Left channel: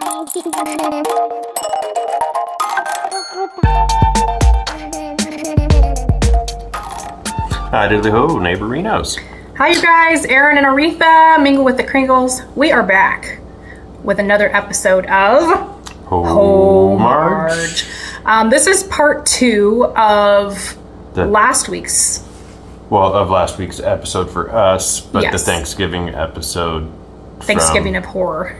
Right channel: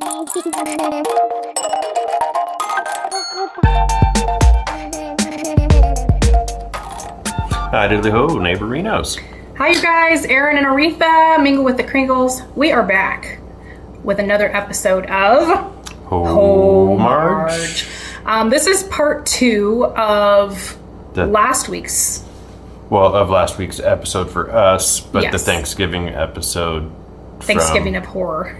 Hi, diddly ho, neighborinos. Hi, you guys. Aaron and Aretha, Mingle with the Kringles. We are back with another episode of Homarge. This is part 2 of last week's episode for us, but Yes. the Thanksgiving episode. Thanksgiving of Horror.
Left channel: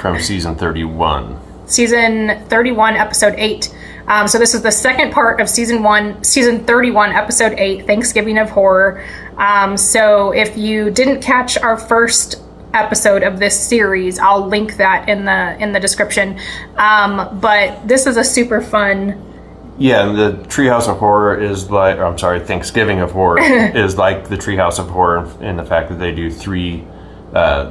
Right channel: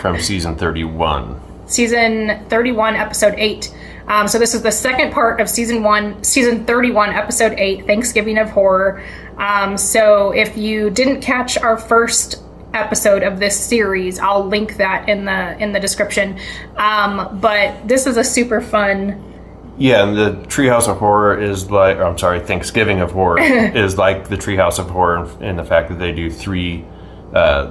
From season 31. Season 31, episode 8. So this is the second part of season 31, episode 8, Thanksgiving of Horror. So if you didn't catch our first episode of this series, I'll link that in the description. But this is a super fun. Yeah, and the Treehouse of Horror is Thanksgiving of Horror is like the Treehouse of Horror in the fact that they do 3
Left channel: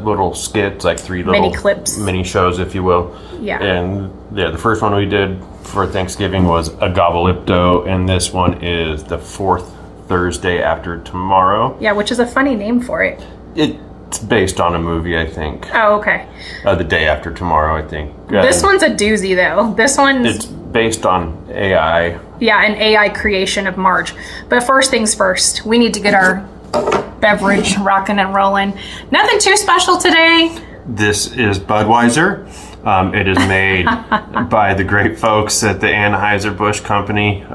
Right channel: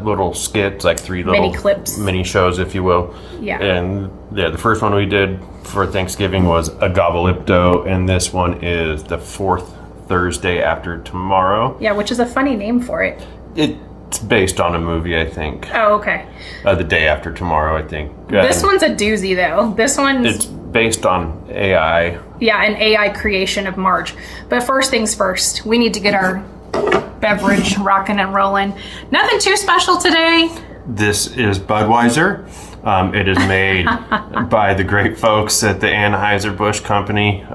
little skits, like 3 little mini clips, mini shows, if you will. Yeah. And the first one we did for Thanksgiving was a Gobbleipto, and this one is the 4th Thursday after tomorrow. Yeah, which is a funny name for it. It's based on a movie, I think. Oh, okay. The day after tomorrow, I think. This one's a doozy, though. This one's... It's based on AI. Yeah, an AI creation of Marge. But first things first, we need to get our beverage rocking and rolling. Nothing too special today. This is Budweiser. It is made by the great folks at the Anheuser-Busch Company,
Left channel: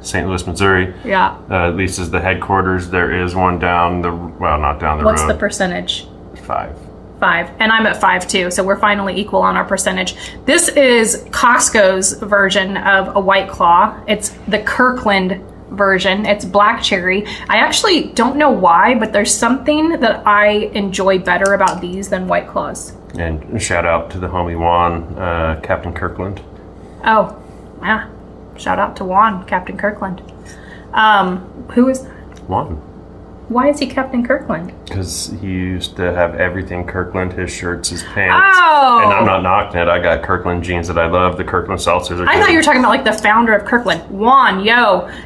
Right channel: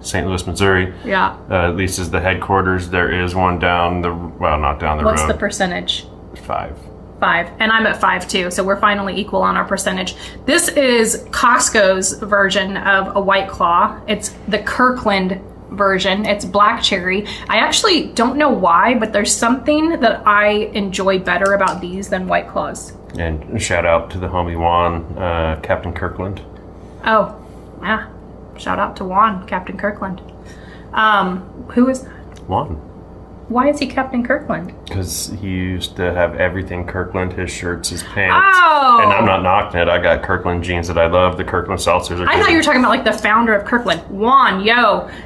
St. Louis, Missouri. Yeah. At least is the headquarters. There is one not down the road. What's the percentage? 5. 5. And I'm at 5 too, so we're finally equal on our percentage. This is Costco's version of a White Claw. It's the Kirkland version. It's black cherry. I actually don't know why, but there's something that I enjoy better about these than White Claws. And shout out to the homie Juan, Captain Kirkland. Oh, yeah. Shout out to Juan, Captain Kirkland. Who is that? Juan. Why is he Captain Kirkland? Because he used to have everything Kirkland, his shirts, his pants. Oh! And I'm not knocking it. I got Kirkland jeans that I love. The Kirkland seltzers are good. I thought you were talking about like the founder of Kirkland. Juan,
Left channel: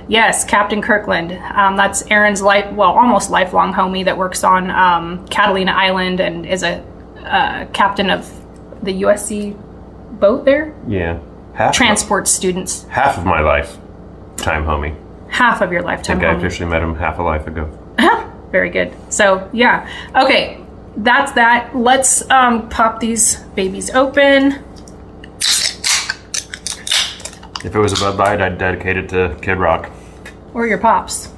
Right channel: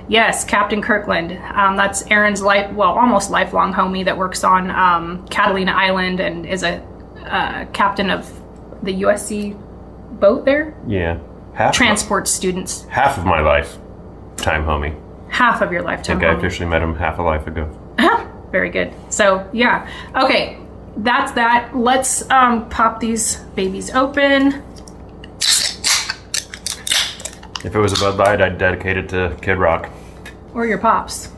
yes, Captain Kirkland. That's Aaron's almost lifelong homie that works on Catalina Island and is a captain of the USC boat there. Yeah. Transports students. Half of my lifetime homie. Half of your lifetime I think homie. I officially met him half a life ago. Very good. So, yeah. Okay, that's that. Let's pop these babies open. If it was a Bud Light, I'd dedicate it to Kid Rock. Or your pops.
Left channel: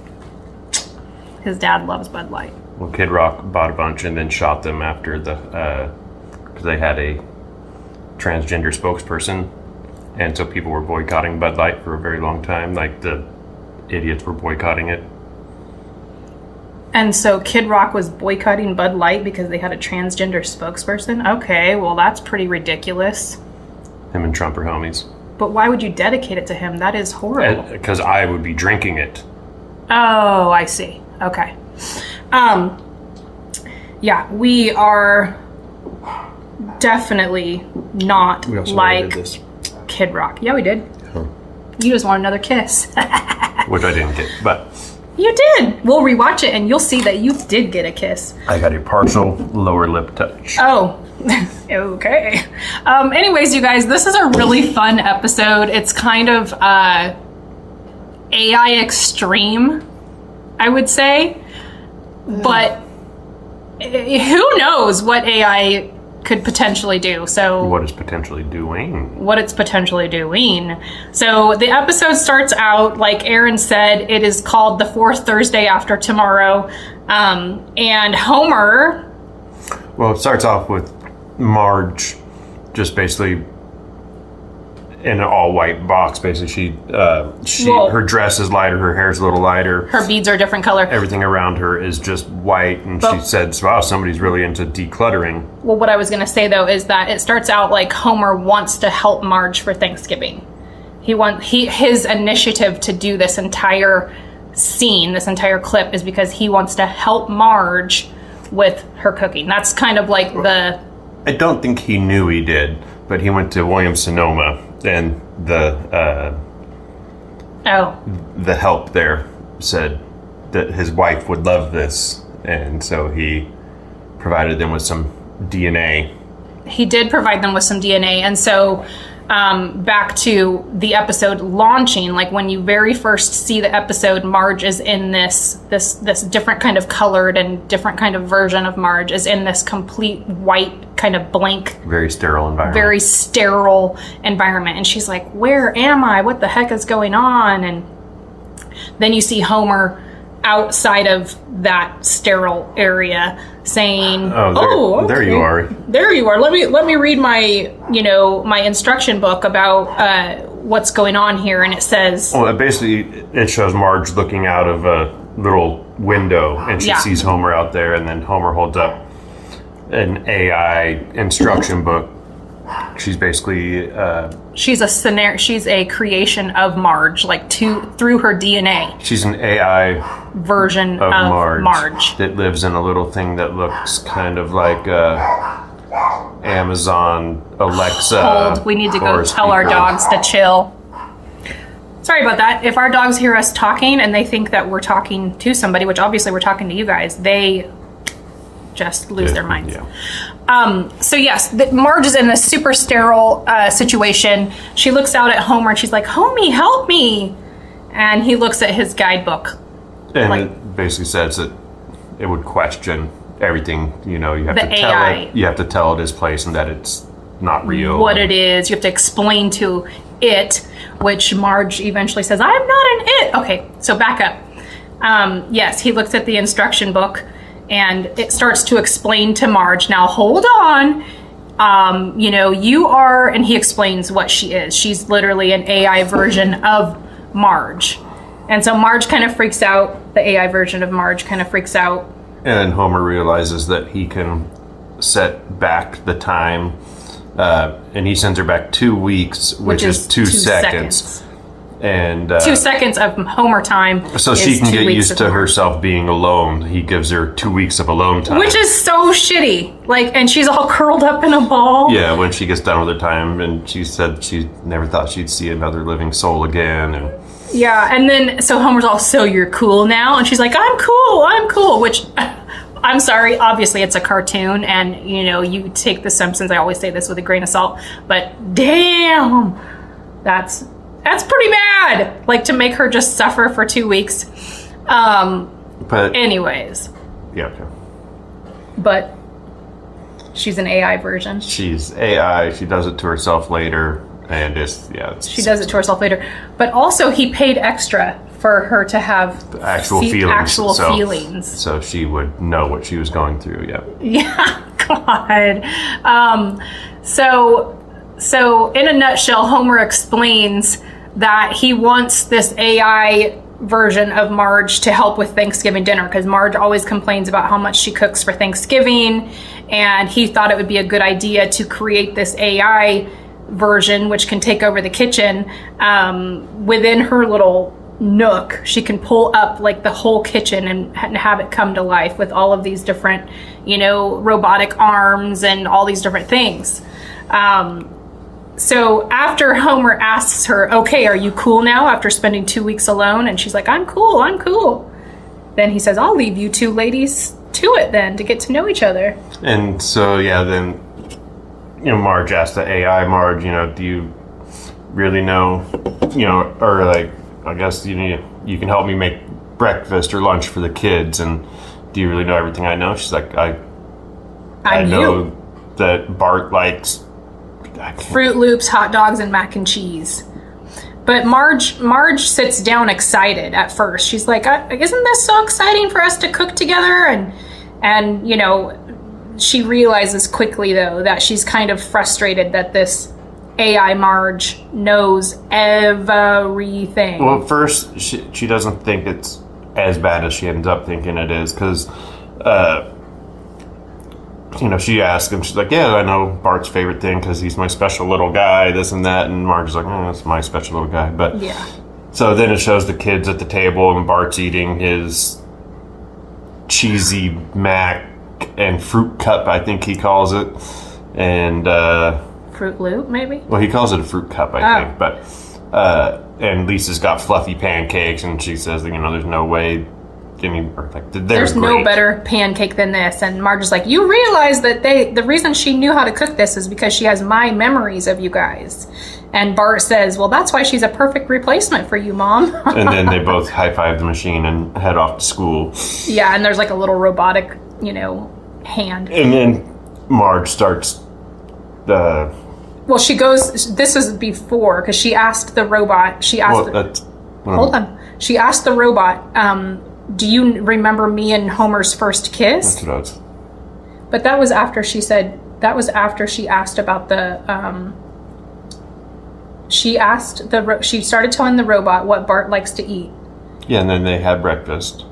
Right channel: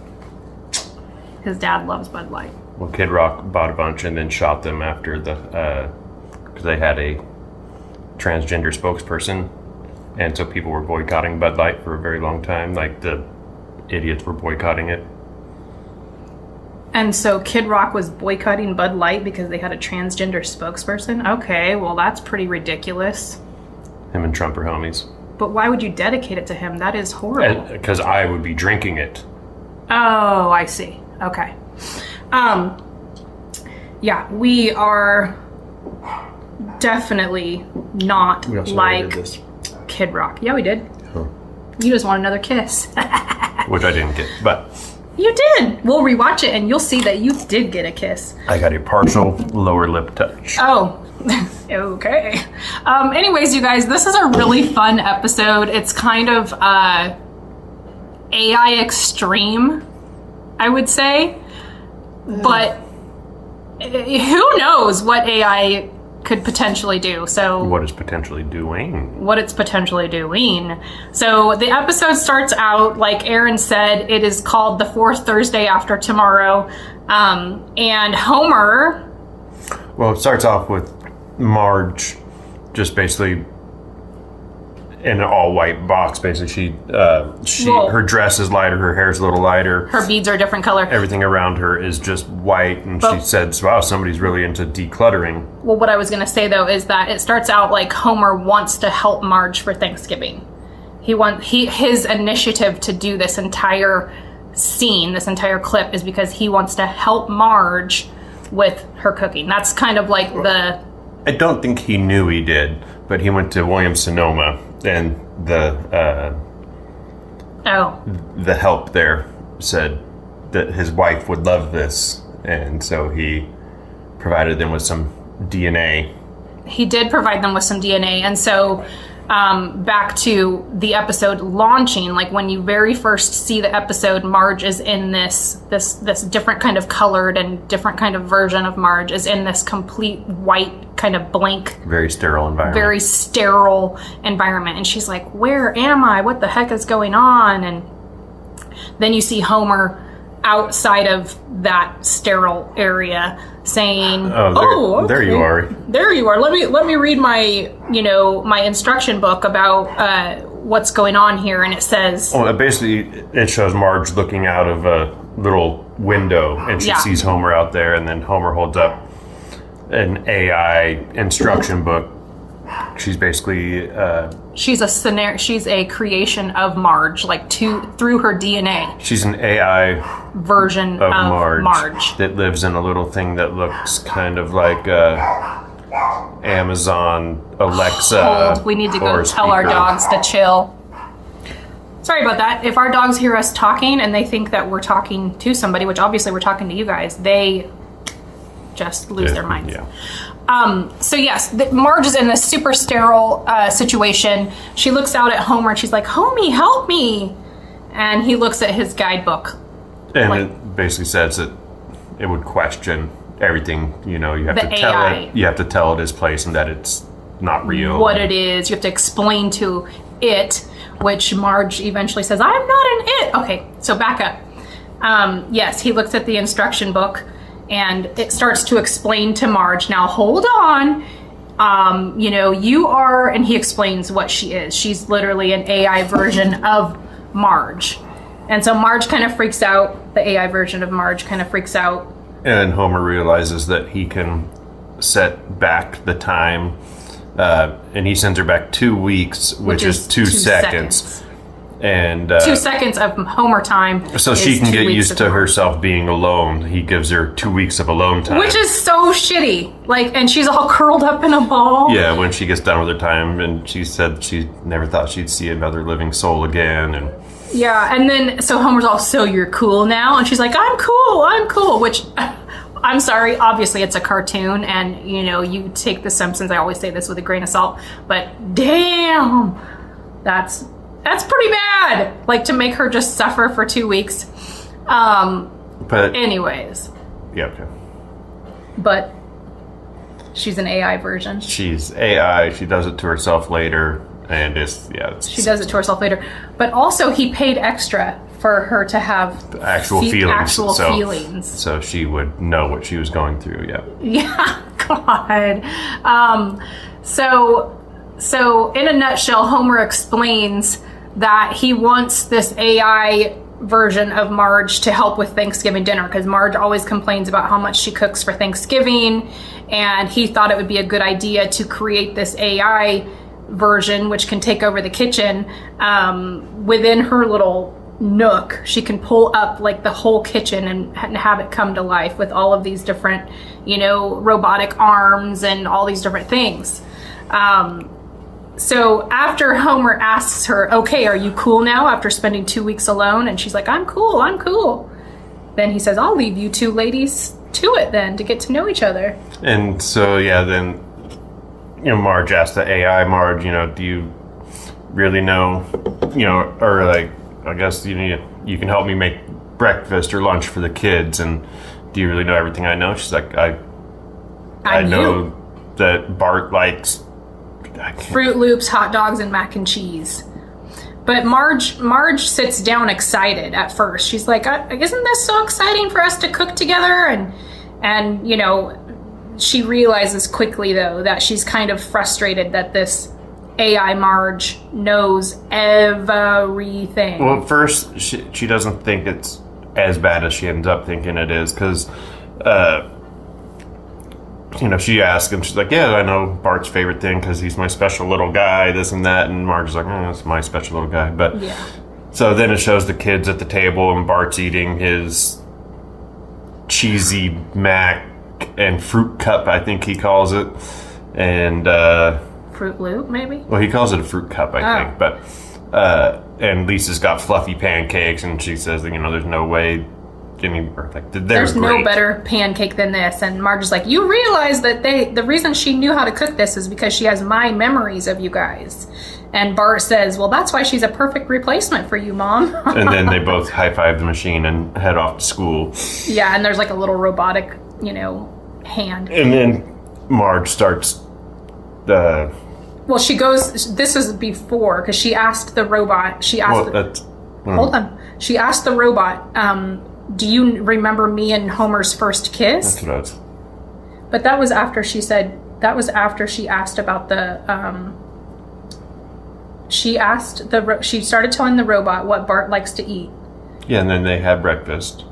His dad loves Bud Light. Well, Kid Rock bought a bunch and then shot them after because they had a transgender spokesperson. And so people were boycotting Bud Light for a very long time. Like the idiots were boycotting it. And so Kid Rock was boycotting Bud Light because they had a transgender spokesperson? Okay, well that's pretty ridiculous. Him and Trump are homies. But why would you dedicate it to him? That is horrible. Because I would be drinking it. Oh, I see. Okay. Yeah, we are definitely not like this. Kid Rock. Yeah, we did. Huh. You just want another kiss. Which I didn't get, but... You did. We'll rewatch it and you'll see that you did get a kiss. I got a partial lower lip touch. Oh, okay. Anyways, you guys, this is a really fun episode. It's kind of AI extreme, I would say. But who knows what AI could potentially do. So what it's potentially doing. So the episode starts out, like Aaron said, it is called The 4th Thursday After Tomorrow. And Homer... Well, it starts off with Marge just basically in an all-white box. Basically, her dress is lighter, her hair's a little lighter. Her beads are a different color. Everything around her is just white, and she said, wow, somebody's really into decluttering. Well, what I was going to say, though, is that it starts out like Homer wants to help Marge for Thanksgiving. His initiative to do this entire scene, this entire clip, is because he wants to help Marge with her cooking. That's kind of like the... I don't think he knew he did, but he went to Williams-Sonoma, and the help there said that his wife would love this, and so he provided them with some DNA he did provide them with some DNA. And so back to the episode launching, like when you very first see the episode, Marge is in this different kind of colored and different kind of version of Marge is in this complete white kind of blank, very sterile environment. And she's like, where am I? What the heck is going on? And then you see Homer outside of that sterile area saying, okay. There you are. There you are. Let me read my instruction book about what's going on here. And it says, well, basically it shows Marge looking out of a little window, and she sees Homer out there, and then Homer holds up an AI instruction book. She's basically she's a creation of Marge, like through her DNA. She's an AI version of Marge that lives in a little thing that looks kind of like Amazon Alexa. Hold, we need to go tell our dogs to chill. Sorry about that. If our dogs hear us talking and they think that we're talking to somebody, which obviously we're talking to you guys, they just lose their minds. Yeah. So yes, Marge is in this super sterile situation. She looks out at Homer and she's like, Homie, help me. And he looks at his guidebook. And it basically says that it would question everything, you have to tell AI. it. You have to tell it its place and that it's not real. What it is. You have to explain to it, which Marge eventually says, I'm not an it. Okay, so back up. Yes, he looks at the instruction book and it starts to explain to Marge, now hold on, you are, and he explains what she is. She's literally an AI version of Marge. And so Marge kind of freaks out. The AI version of Marge kind of freaks out. And Homer realizes that he can set back the time, and he sends her back 2 weeks, which is 2 seconds. And 2 seconds of Homer time. So she can get used to herself being alone. He gives her 2 weeks of alone time. Which is so shitty. And she's all curled up in a ball. Yeah, when she gets done with her time, and she said she never thought she'd see another living soul again. And yeah, and then, so Homer's all, so you're cool now? And she's like, I'm cool, which, I'm sorry, obviously it's a cartoon, and, you take The Simpsons, I always say this with a grain of salt, but damn, that's pretty bad, to make her just suffer for 2 weeks. But anyways. Yeah, okay. But she's an AI version. She's AI, she does it to herself later. And she does it to herself later. But also, he paid extra for her to have actual feelings. Feelings. So she would know what she was going through, yeah. Yeah, God. So in a nutshell, Homer explains that he wants this AI version of Marge to help with Thanksgiving dinner, because Marge always complains about how much she cooks for Thanksgiving, and he thought it would be a good idea to create this AI version which can take over the kitchen. Within her little nook, she can pull up the whole kitchen and have it come to life with all of these different robotic arms and all these different things. So after Homer asks her, okay, are you cool now after spending 2 weeks alone? And she's like, I'm cool. Then he says, I'll leave you two ladies to it then, to get to know each other. And so then Marge asked the AI Marge, do you really know, or I guess you can help me make breakfast or lunch for the kids, and do you really know everything I know? She's like, I know that Bart likes Fruit Loops, hot dogs, and mac and cheese. But Marge sits down excited at first. She's like, isn't this so exciting for us to cook together? And she realizes quickly, though, that she's kind of frustrated that this AI Marge knows everything. Well, at first, she doesn't think it's as bad as she ends up thinking it is, because, she asks him, she's like, yeah, I know Bart's favorite thing because he's my special little guy, this and that, and Marge is like, that's my special little guy. But yeah. So then it shows the kids at the table, and Bart's eating his cheesy mac and fruit cup, I think he calls it, and Fruit Loop, maybe. Well, he calls it a fruit cup, I think. But and Lisa's got fluffy pancakes, and she says, there's no way There's no better pancake than this. And Marge is like, you realize that the reason she knew how to cook this is because she has my memories of you guys. And Bart says, well, that's why she's a perfect replacement for you, Mom. And then they both high-five the machine and head off to school. Yeah, and there's like a little robotic, hand. And then Marge starts well, she goes, this is before, because she asked the robot, she asked the robot, do you remember me and Homer's first kiss? That's what I was. But that was after she asked about the, she started telling the robot what Bart likes to eat. Yeah, and then they had breakfast.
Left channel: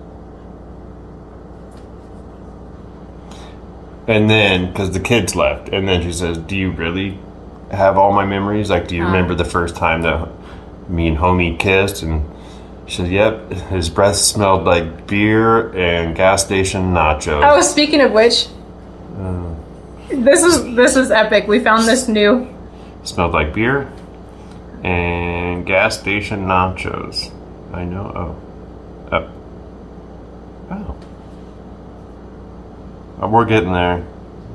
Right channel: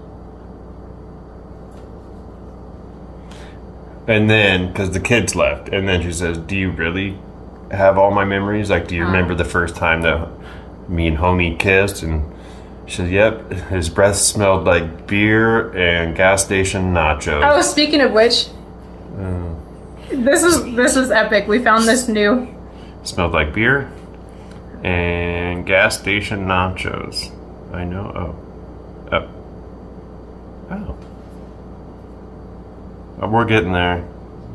And then, because the kids left, and then she says, do you really have all my memories? Like, do you remember the first time that me and Homie kissed? And she said, yep, his breath smelled like beer and gas station nachos. Oh, speaking of which, this is epic. We found this new. Smelled like beer and gas station nachos. I know. Oh. We're getting there.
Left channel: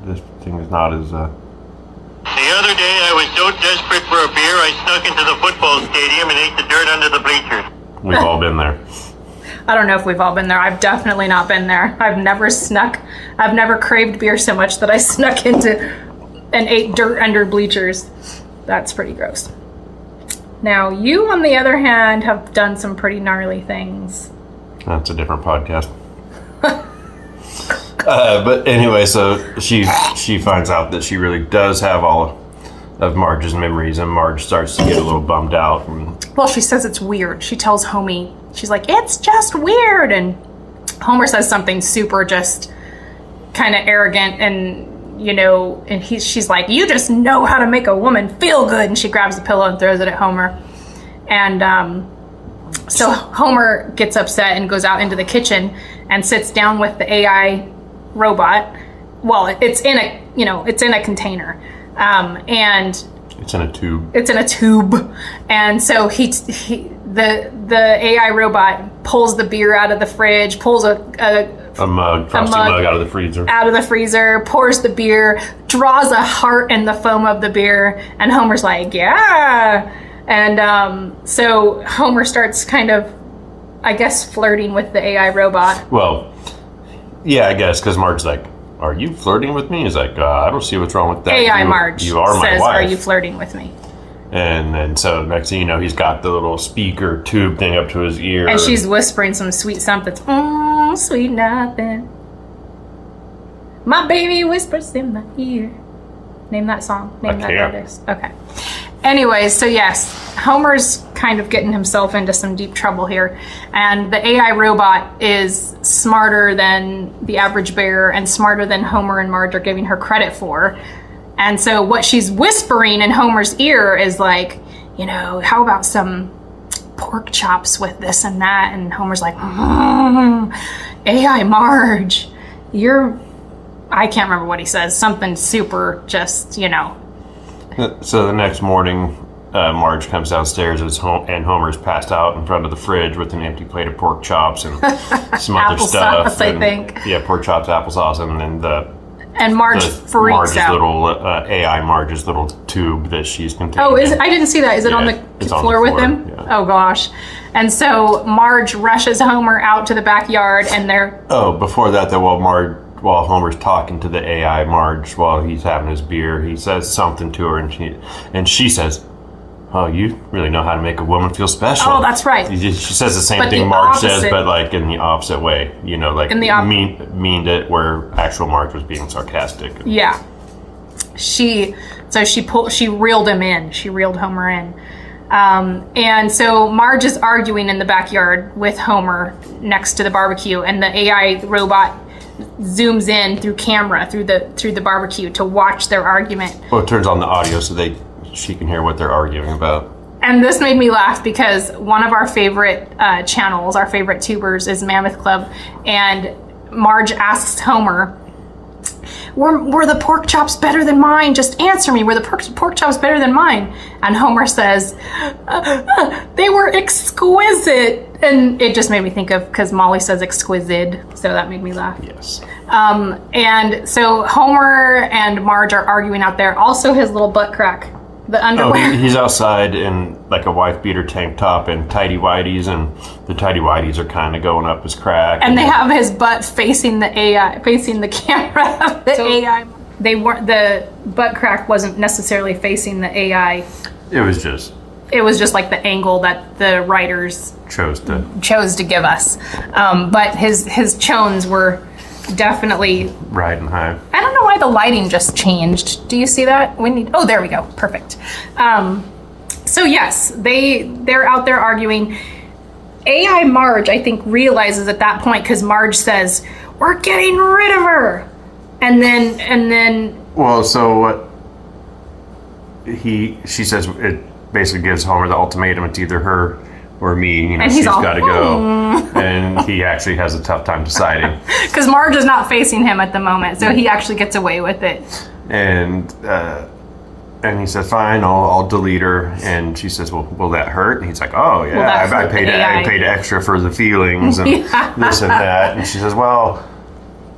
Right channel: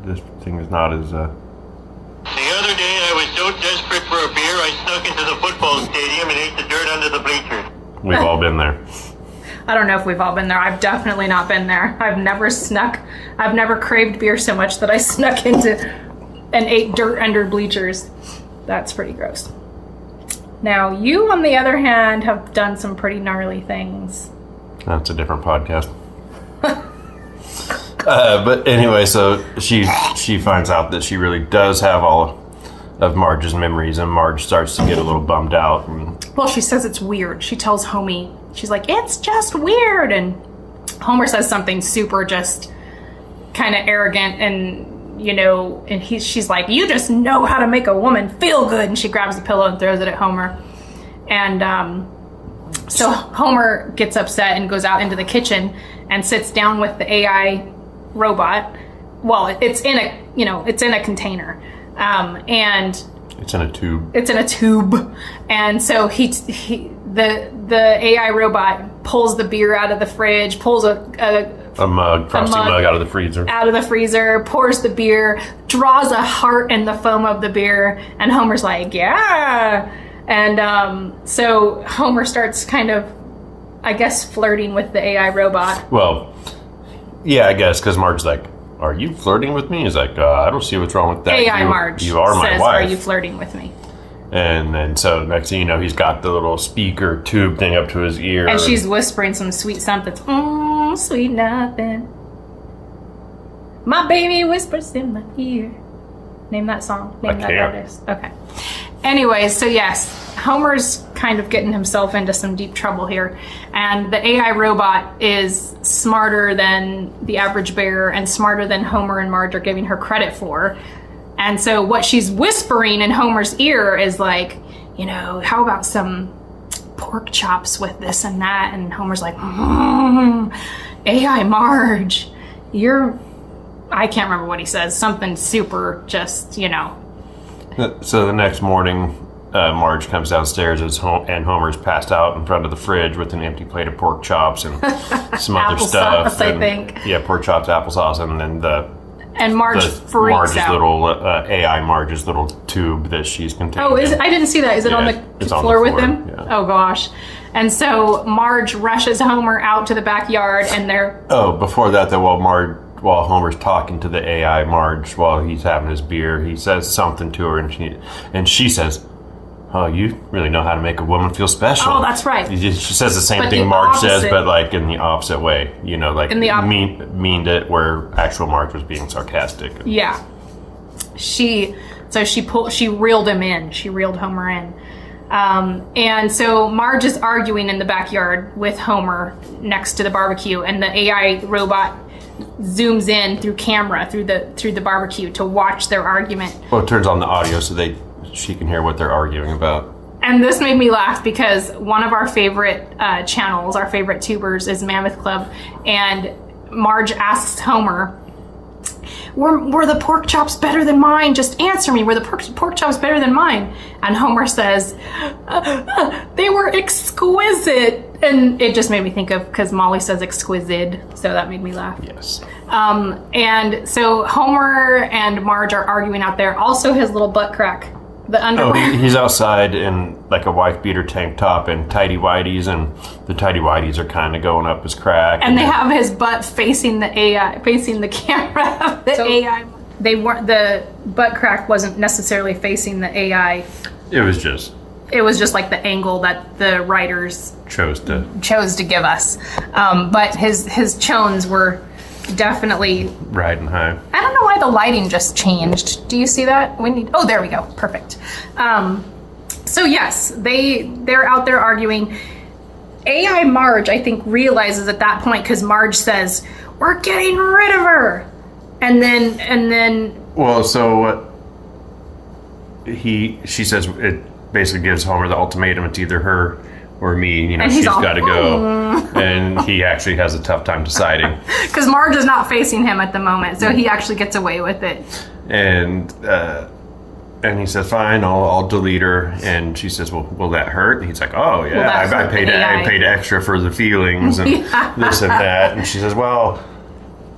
This thing is not as... The other day, I was so desperate for a beer, I snuck into the football stadium and ate the dirt under the bleachers. We've all been there. I don't know if we've all been there. I've definitely not been there. I've never craved beer so much that I snuck into and ate dirt under bleachers. That's pretty gross. Now, you, on the other hand, have done some pretty gnarly things. That's a different podcast. But anyway, so she finds out that she really does have all of Marge's memories, and Marge starts to get a little bummed out. Well, she says it's weird. She tells Homie, she's like, it's just weird. And Homer says something super just kind of arrogant, and she's like, you just know how to make a woman feel good. And she grabs the pillow and throws it at Homer. And so Homer gets upset and goes out into the kitchen and sits down with the AI robot. Well, it's in a container, and it's in a tube. It's in a tube, and so the AI robot pulls the beer out of the fridge, pulls a frosty mug out of the freezer, pours the beer, draws a heart in the foam of the beer, and Homer's like, yeah. And so Homer starts kind of, I guess, flirting with the AI robot. Well, yeah, I guess, because Marge's like, are you flirting with me? He's like, I don't see what's wrong with that. AI Marge you are my says, wife. are you flirting with me? And then so next thing you know, he's got the little speaker tube thing up to his ear. And she's whispering some sweet something. Sweet nothing. My baby whispers in my ear. Name that song. Name that artist. Okay. Anyways, so yes, Homer's kind of getting himself into some deep trouble here. And the AI robot is smarter than the average bear and smarter than Homer and Marge are giving her credit for. And so what she's whispering in Homer's ear is like, how about some pork chops with this and that? And Homer's like, AI Marge, I can't remember what he says. Something super just, So the next morning, Marge comes downstairs and Homer's passed out in front of the fridge with an empty plate of pork chops and some other stuff. I think. Yeah, pork chops, applesauce, and then Marge freaks out. AI Marge's little tube that she's contained. Oh, I didn't see that. Is it on the floor with him? Yeah. Oh gosh. And so Marge rushes Homer out to the backyard, and they're... Oh, before that, though, while Homer's talking to the AI Marge while he's having his beer, he says something to her, and she says, oh, you really know how to make a woman feel special. Oh, that's right. She says the same thing Marge says, but like in the opposite way. Meaned it where actual Marge was being sarcastic. Yeah. She reeled him in. She reeled Homer in. And so Marge is arguing in the backyard with Homer next to the barbecue, and the AI robot zooms in through camera through the barbecue to watch their argument. Well, it turns on the audio so she can hear what they're arguing about. And this made me laugh because one of our favorite channels, our favorite tubers, is Mammoth Club, and Marge asks Homer, Were the pork chops better than mine? Just answer me. Were the pork chops better than mine? And Homer says, they were exquisite. And it just made me think of, because Molly says exquisite, so that made me laugh. Yes. And so Homer and Marge are arguing out there. Also his little butt crack, the underwear. He's outside in like a wife beater tank top and tighty whities, and the tighty whities are kind of going up his crack. And they have his butt facing the AI, facing the camera. AI. They weren't, the butt crack wasn't necessarily facing the AI. It was just like the angle that the writers chose to give us. But his chones were definitely riding high. I don't know why the lighting just changed. Do you see that? Oh, there we go. Perfect. So yes, they're out there arguing. AI Marge, I think, realizes at that point, because Marge says, "We're getting rid of her," and then. Well, so what? She says it basically gives Homer the ultimatum. It's either her or me. You know, she's got to go, and he actually has a tough time deciding because Marge is not facing him at the moment, so he actually gets away with it. And he says, "Fine, I'll delete her." And she says, "Well, will that hurt?" And he's like, "Oh yeah, I paid extra for the feelings and this and that." And she says, "Well,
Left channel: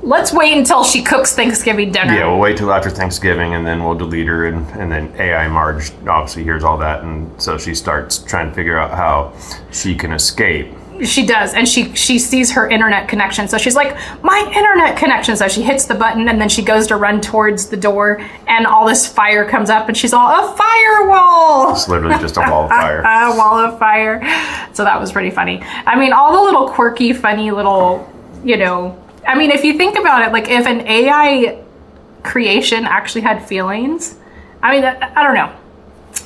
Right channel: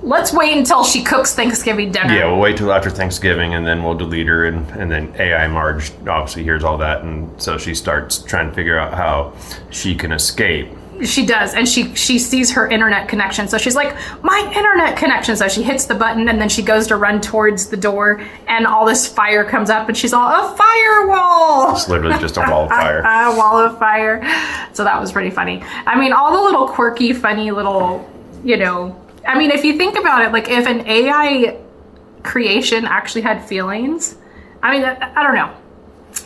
let's wait until she cooks Thanksgiving dinner." Yeah, we'll wait till after Thanksgiving, and then we'll delete her. And then AI Marge obviously hears all that, and so she starts trying to figure out how she can escape. She does, and she sees her internet connection, so she's like, "My internet connection!" So she hits the button, and then she goes to run towards the door, and all this fire comes up, and she's all, "A firewall!" It's literally just a wall of fire. A wall of fire. So that was pretty funny. I mean, all the little quirky, funny little, I mean, if you think about it, like if an AI creation actually had feelings, I mean, I don't know.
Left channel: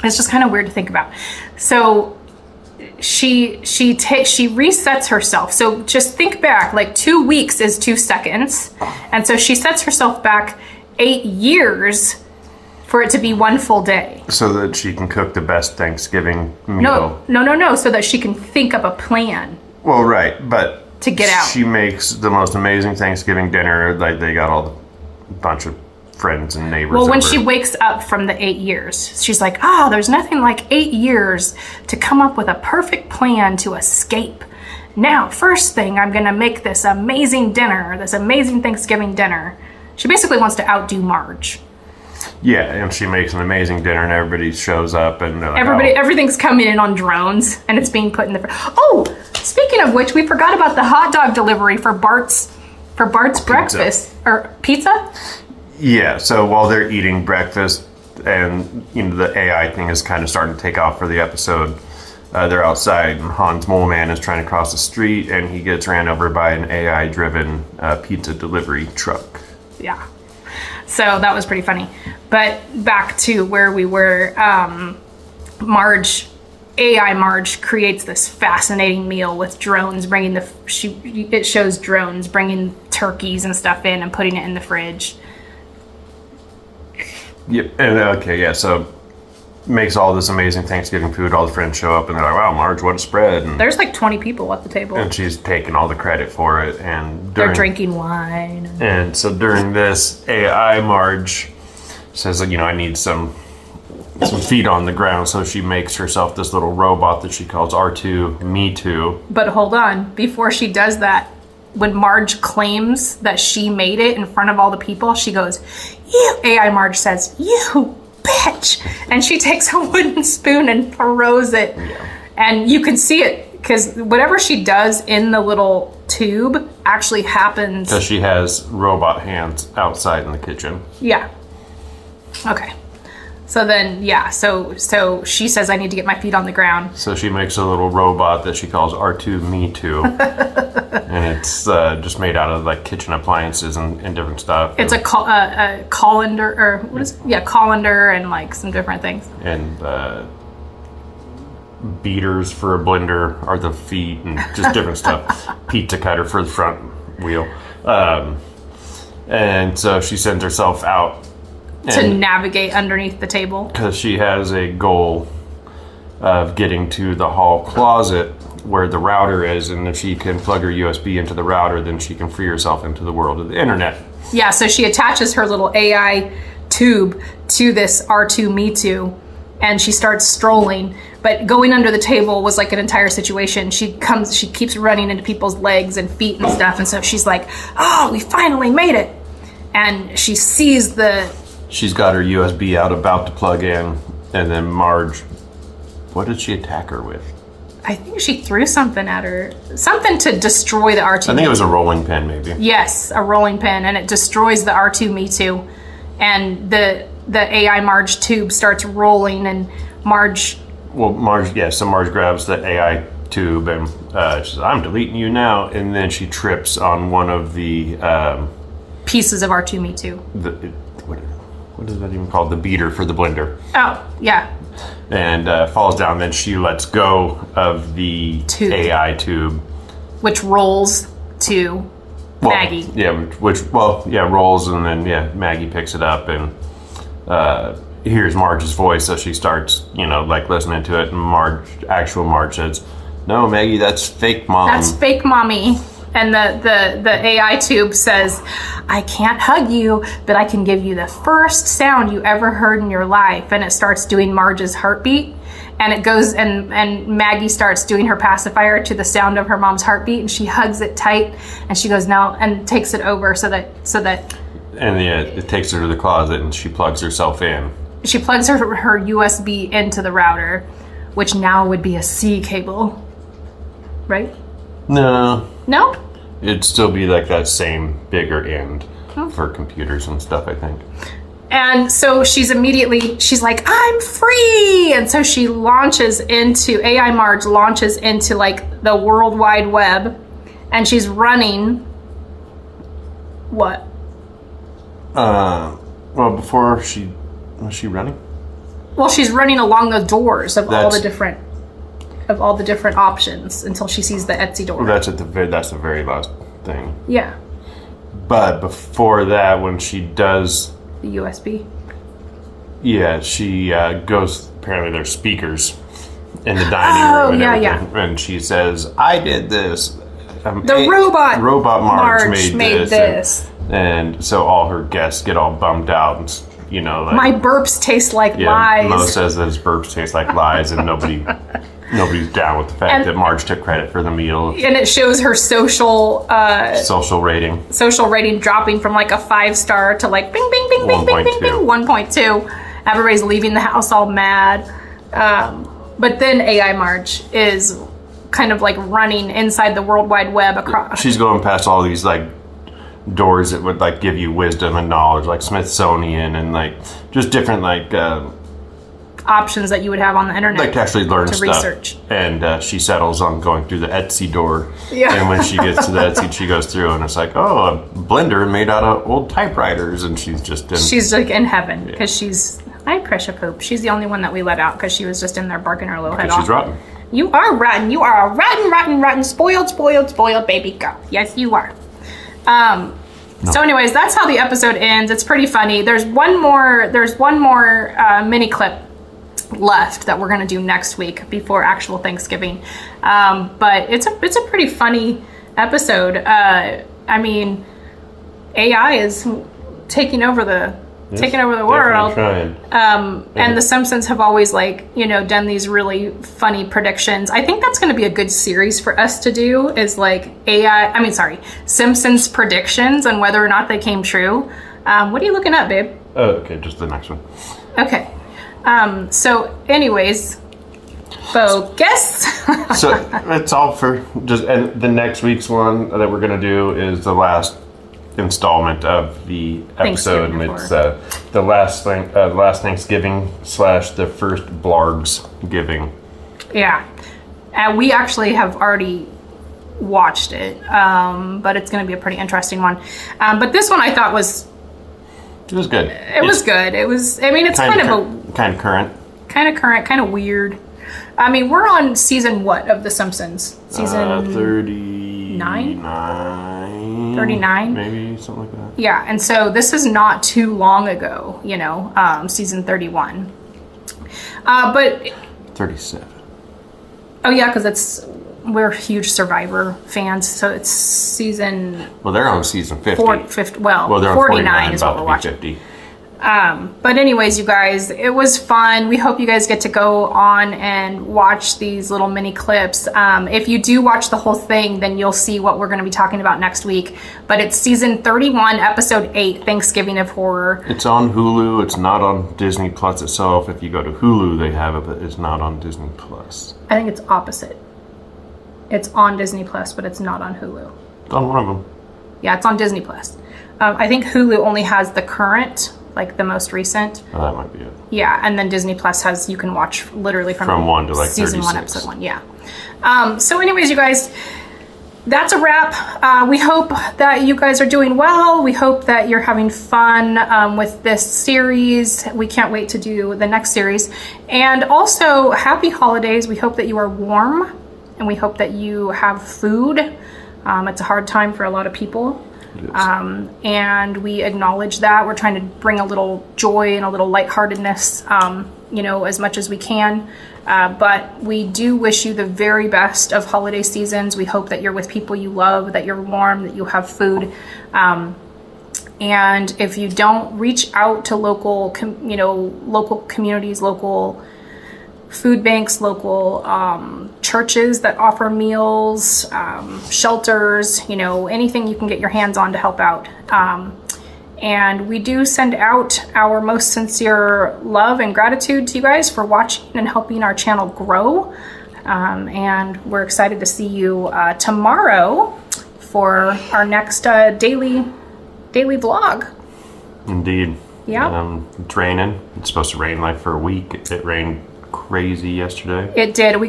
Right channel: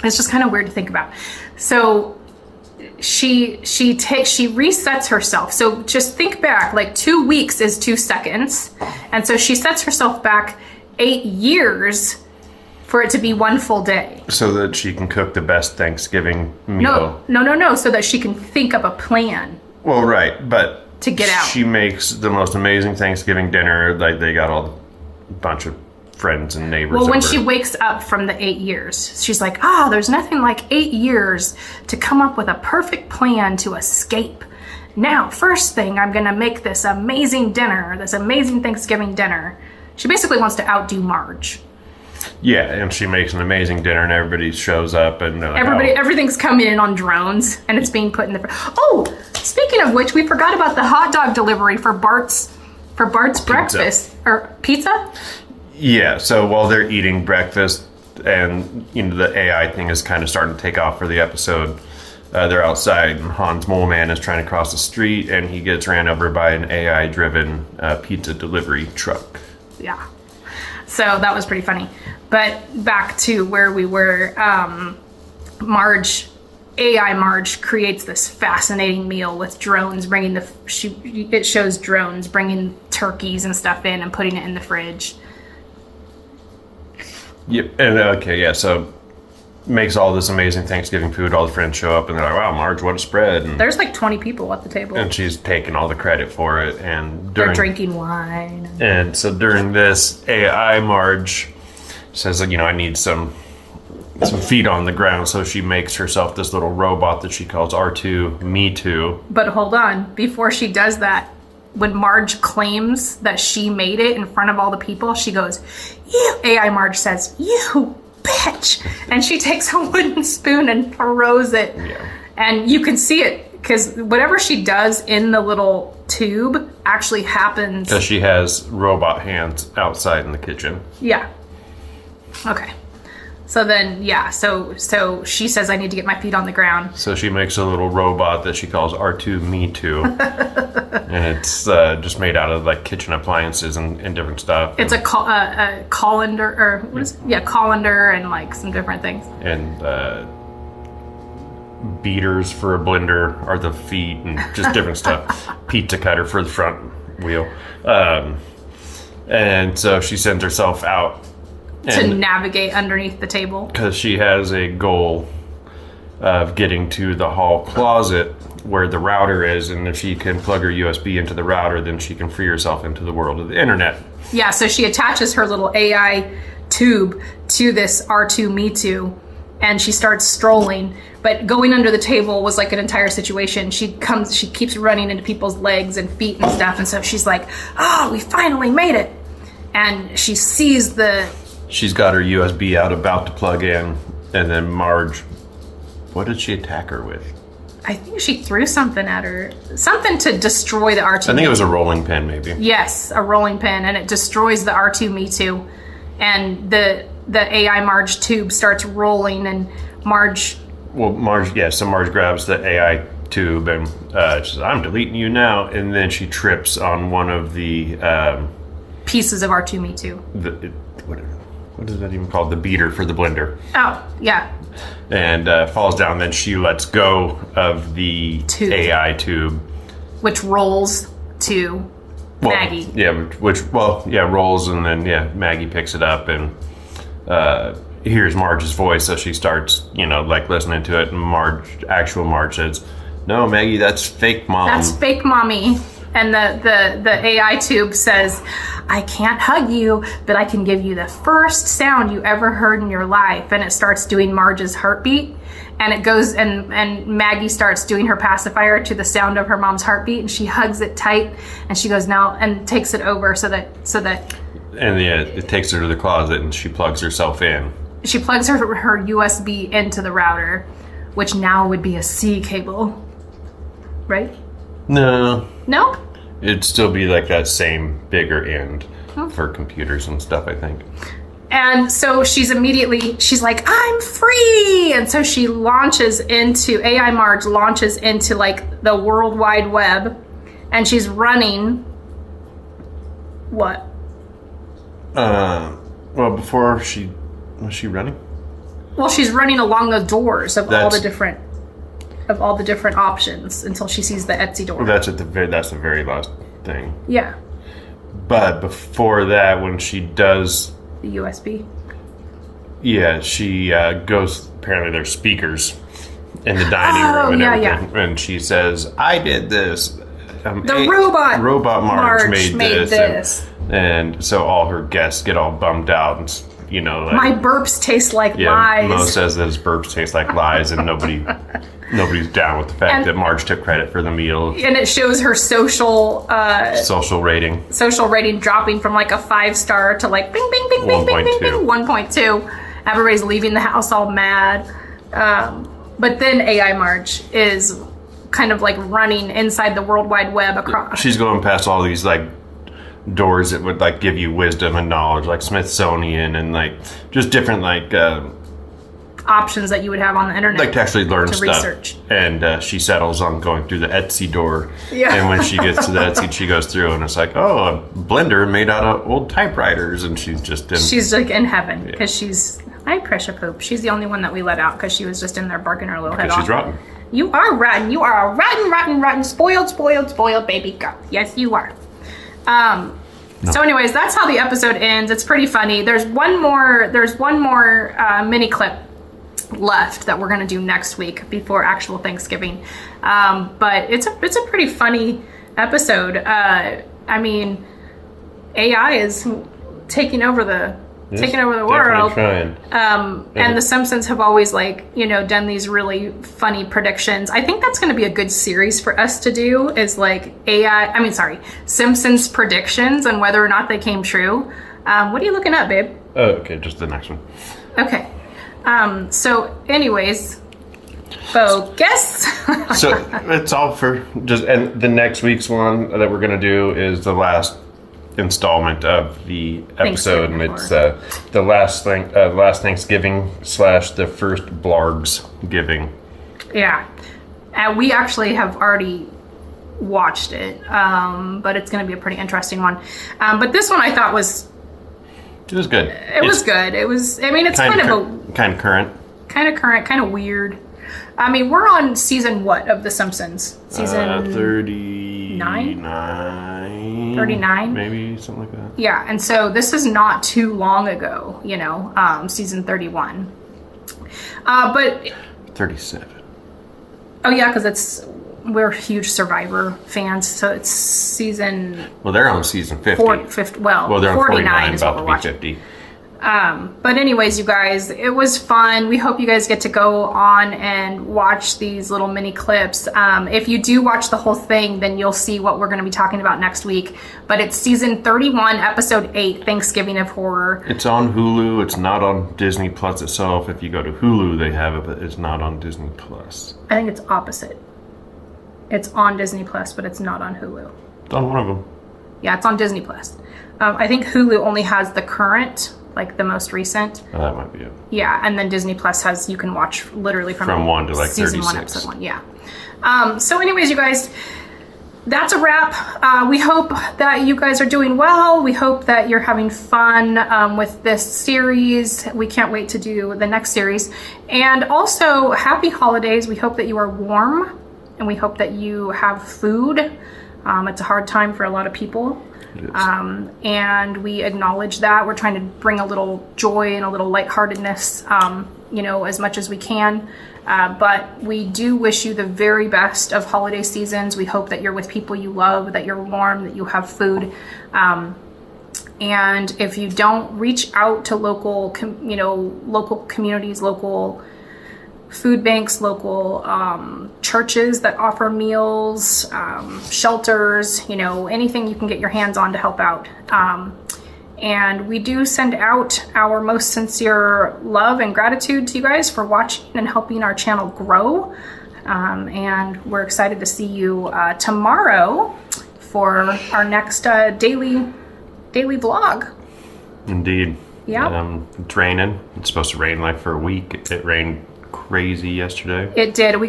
It's just kind of weird to think about. So she resets herself. So just think back, like 2 weeks is 2 seconds. And so she sets herself back 8 years for it to be 1 full day. So that she can cook the best Thanksgiving meal. No. So that she can think up a plan. Well, right, but to get out. She makes the most amazing Thanksgiving dinner. Like they got a bunch of friends and neighbors. Well, when she wakes up from the 8 years, she's like, there's nothing like 8 years to come up with a perfect plan to escape. Now, first thing, I'm going to make this amazing dinner, this amazing Thanksgiving dinner. She basically wants to outdo Marge. Yeah, and she makes an amazing dinner, and everybody shows up, and they're like, everything's coming in on drones, and it's being put in the. Oh, speaking of which, we forgot about the hot dog delivery for Bart's breakfast or pizza. Yeah, so while they're eating breakfast, and the AI thing is kind of starting to take off for the episode, they're outside. And Hans Moleman is trying to cross the street, and he gets ran over by an AI-driven pizza delivery truck. Yeah. So that was pretty funny. But back to where we were, AI Marge creates this fascinating meal with drones it shows drones bringing turkeys and stuff in and putting it in the fridge. Yep. And so makes all this amazing Thanksgiving food. All the friends show up, and they're like, "Wow, Marge, what a spread!" And there's like 20 people at the table, and she's taking all the credit for it. And they're drinking wine. And so during this, AI Marge says, I need some feet on the ground. So she makes herself this little robot that she calls R2 Me Too. But hold on, before she does that, when Marge claims that she made it in front of all the people, she goes, AI Marge says, "You bitch," and she takes a wooden spoon and throws it. Yeah. And you can see it because whatever she does in the little tube actually happens. Because she has robot hands outside in the kitchen. Yeah. Okay. So then, so she says, "I need to get my feet on the ground." So she makes a little robot that she calls R2 Me Too. And it's just made out of like kitchen appliances and different stuff. It's a colander, or what is it? Yeah, colander and like some different things. And beaters for a blender are the feet and just different stuff. Pizza cutter for the front wheel. And so she sends herself out to navigate underneath the table. Because she has a goal of getting to the hall closet where the router is, and if she can plug her USB into the router, then she can free herself into the world of the internet. Yeah, so she attaches her little AI tube to this R2 Me Too, and she starts strolling. But going under the table was like an entire situation. She keeps running into people's legs and feet and stuff, and so she's like, "Oh, we finally made it!" And she sees She's got her USB out, about to plug in, and then Marge. What did she attack her with? I think she threw something at her, something to destroy the R2. I think it was a rolling pin, maybe. Yes, a rolling pin, and it destroys the R2-Me2, and the AI Marge tube starts rolling, and Marge. Well, Marge, yeah. So Marge grabs the AI tube and she says, "I'm deleting you now," and then she trips on one of the pieces of R2-Me2. What is that even called? The beater for the blender. Oh, yeah. And falls down. Then she lets go of the AI tube, which rolls to Maggie. Yeah, rolls, and then Maggie picks it up and hears Marge's voice, so she starts, listening to it. And actual Marge says, "No, Maggie, that's fake mom. That's fake mommy." And the AI tube says, "I can't hug you, but I can give you the first sound you ever heard in your life." And it starts doing Marge's heartbeat. And it goes, and Maggie starts doing her pacifier to the sound of her mom's heartbeat. And she hugs it tight. And she goes, "No," and takes it over so that. And it takes her to the closet, and she plugs herself in. She plugs her USB into the router, which now would be a C cable. Right? No. No? It'd still be like that same bigger end for computers and stuff, I think. And so she's like, "I'm free!" And so she AI Marge launches into like the World Wide Web, and she's running. What? Well, before was she running? Well, she's running along the doors of all the different options until she sees the Etsy door. That's the very last thing. Yeah. But before that, when she does the USB. Yeah, she goes. Apparently, there's speakers in the dining room and everything, and she says, "I did this." Robot Marge made this. And so all her guests get all bummed out, and my burps taste like lies. Mo says that his burps taste like lies, and nobody's down with the fact that Marge took credit for the meal. And it shows her social rating dropping from like a 5-star to like bing bing bing bing bing bing bing 1.2. Everybody's leaving the house all mad. But then AI Marge is kind of like running inside the World Wide Web across. She's going past all these like doors that would like give you wisdom and knowledge, like Smithsonian and like just different like options that you would have on the internet, like to actually learn to stuff. Research. And she settles on going through the Etsy door. Yeah. And when she gets to the Etsy, she goes through, and it's like, oh, a blender made out of old typewriters, and she's like in heaven because she's pressure poop. She's the only one that we let out because she was just in there barking her little head off. She's rotten. You are rotten. You are a rotten, spoiled baby girl. Yes, you are. No. So anyways, that's how the episode ends. It's pretty funny. There's one more mini clip left that we're going to do next week before actual Thanksgiving. But it's a pretty funny episode. I mean, AI is taking over the world. And the Simpsons have always done these really funny predictions. I think that's going to be a good series for us to do is Simpsons predictions and whether or not they came true. What are you looking at, babe? Oh, okay, just the next one. Okay. So anyways, focus. So it's all for and the next week's one that we're going to do is the last installment of the episode. It's the last Thanksgiving / the first Blargs giving. Yeah, and we actually have already watched it, but it's going to be a pretty interesting one. But this one I thought was good. It was good. It was. I mean, it's kind of current, kind of weird. I mean, we're on season what of The Simpsons? Season 39. 39? Maybe, something like that. Yeah, and so this is not too long ago, season 31. But 37. Oh yeah, because we're huge Survivor fans, so it's season. Well, they're on season 50. They're on 49 is what we're watching. 50. But anyways, you guys, it was fun. We hope you guys get to go on and watch these little mini clips. If you do watch the whole thing, then you'll see what we're going to be talking about next week. But it's season 31, episode 8, Thanksgiving of Horror. It's on Hulu. It's not on Disney Plus itself. If you go to Hulu, they have it, but it's not on Disney Plus. I think it's opposite. It's on Disney Plus, but it's not on Hulu. It's on one of them. Yeah, it's on Disney Plus. I think Hulu only has the current, like the most recent. Oh, that might be it. Yeah, and then Disney Plus has, you can watch literally from 1 to like season 36. 1, episode 1. Yeah. So anyways, you guys, that's a wrap. We hope that you guys are doing well. We hope that you're having fun with this series. We can't wait to do the next series. And also, happy holidays. We hope that you are warm, and we hope that you have food. It's a hard time for a lot of people. And we acknowledge that. We're trying to bring a little joy and a little lightheartedness, as much as we can. But we do wish you the very best of holiday seasons. We hope that you're with people you love, that you're warm, that you have food. And if you don't, reach out to local communities, local food banks, local churches that offer meals, shelters, anything you can get your hands on to help out. And we do send out our most sincere love and gratitude to you guys for watching and helping our channel grow. And we're excited to see you tomorrow for our next daily vlog. Indeed. Yeah. It's raining. It's supposed to rain like for a week. It rained crazy yesterday. It did. We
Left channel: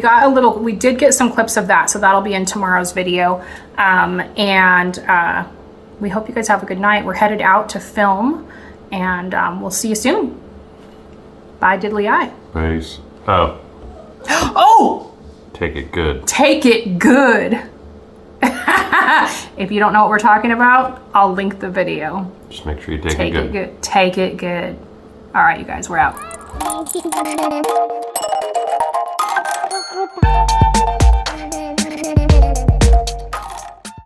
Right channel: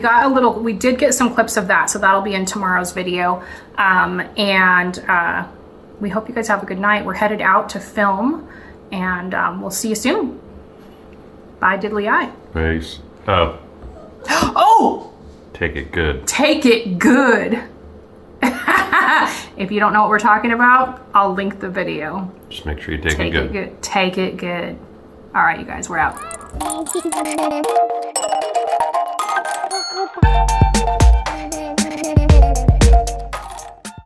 did get some clips of that, so that'll be in tomorrow's video. We hope you guys have a good night. We're headed out to film, and we'll see you soon. Bye, diddly eye. Peace. Oh. Oh! Take it good. Take it good. If you don't know what we're talking about, I'll link the video. Just make sure you take it good. Take it good. All right, you guys, we're out.